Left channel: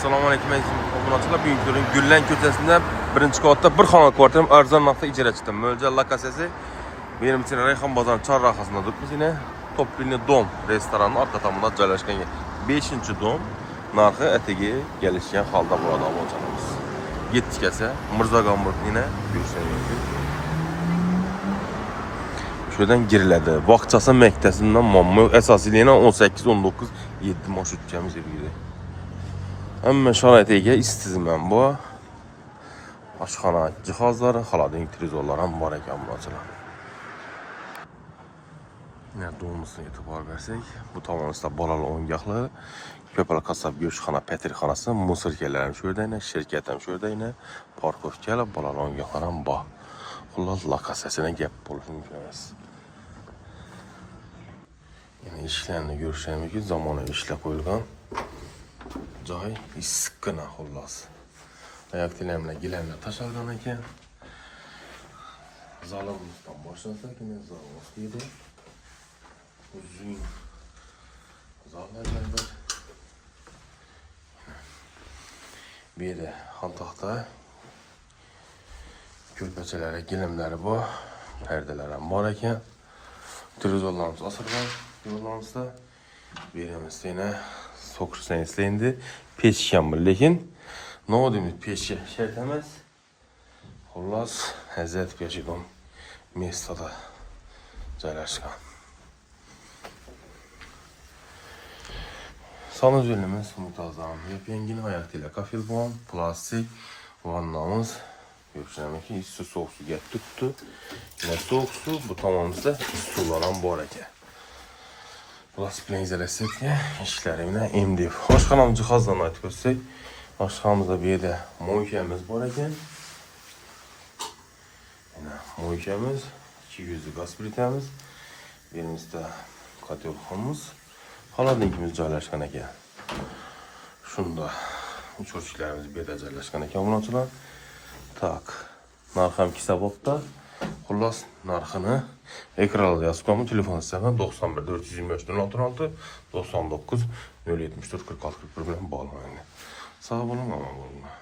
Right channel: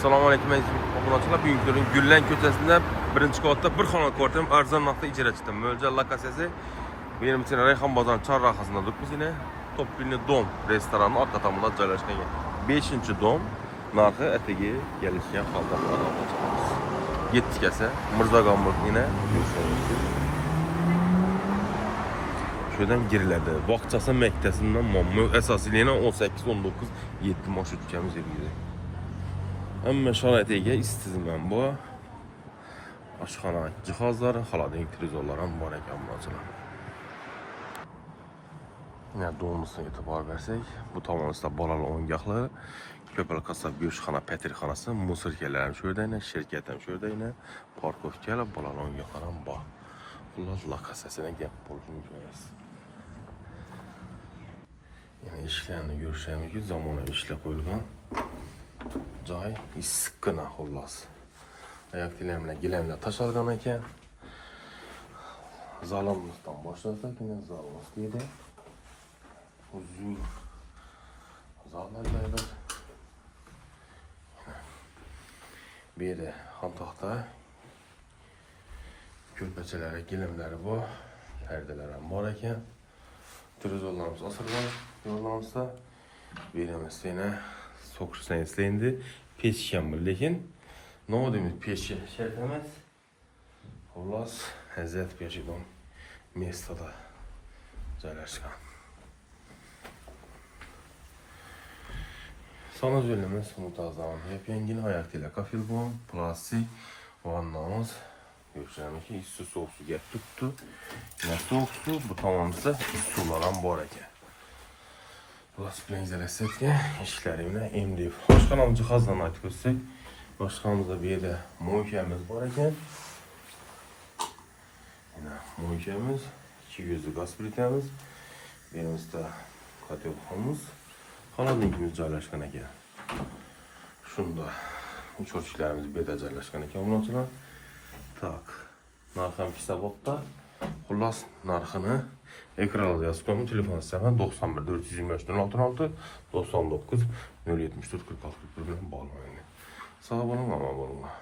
Assalamu alaykum obunachilar. Bugungi turning Gullan ko'chasida birinchi qavatda bir xona kvartiram arzon narxda ijara chiqdi. Mo'ljal lokatsiyasi benim için Rayhon bozorining chorrahasida turibmiz. Yine Toplini Dom restoranning orqa tomonida joylashgan 5-dom narxi atigi kelishgan holda bo'ladi obunachilarimiz. Yetdik esa Mirzo Gamburg yine ko'rishingiz. Şuradan giriladi. Vaqtchasi maktasidan mamma asosiyligini 18-19 7 marshrutkamiz yergidi. Amma sharoitiga istizman bu. Oshxona jihozlari, xolodilnik televizorlari ham bor ekan bularchilar. Yine doğumusuna e'tibor bersak, bu tomonda bolalar o'yingohlari, ko'plar kasab go'shtxona, patirxonasi, musorkalar ham shu yerda, shirkat ham shu yerda, parkovkalar, bolalar o'yingohlari ham bor. Xullas lokatsiyasini gap bo'lishi mumkin emas. Yani ishlarni ko'rishimiz zamonaviy ishlar qo'yilgan. Joy issiqqina xullas. Oyoq tilamlar, gilamlar tashalgan ekan. Zalimizdan boshlasak, yine zalimiz deydi. Uzun zallar joydir. Bir yerde hantakta ko'rpachalar, gilamlari bor, perdeler ham bor ekan. Televizorlarimiz asırgan yollarımızda. Berimizde yine sokursan istendi. Peçki ham bor, lekin ne deymiz peçki şart emas. Xullas Hazrat Peçkidan mestada joylashgan. Sanuzulimiz muntazam. Yepyengil ayak ile kafilbon, plastik vannamız. Görüşürüz ki isti soğuk su gap tuttu. Yine soğuk su bu tamamımızda isti sular ham bor ekan. Plastiklarni izlasak ishlarimni MDF. Oshxonamiz jihozlarini aytib o'tsak, oshxonamizda bu yerda mo'ykamiz bor ekan. Yine mo'ykamiz, 200 gaz plitamiz, berimizda kotelxonamiz, xolodilnikimiz joylashgan ekan. Shunda cho'chiklarimiz bu yerda joylashgan ekan bularchilar. Tak, narxim hisobotda. Xullas narxini ekranda yozib qo'ydim. Telefon istagan 91 425 16 99 074 46 bilan bog'lanadi. Sog' bo'ling, omon bo'linglar.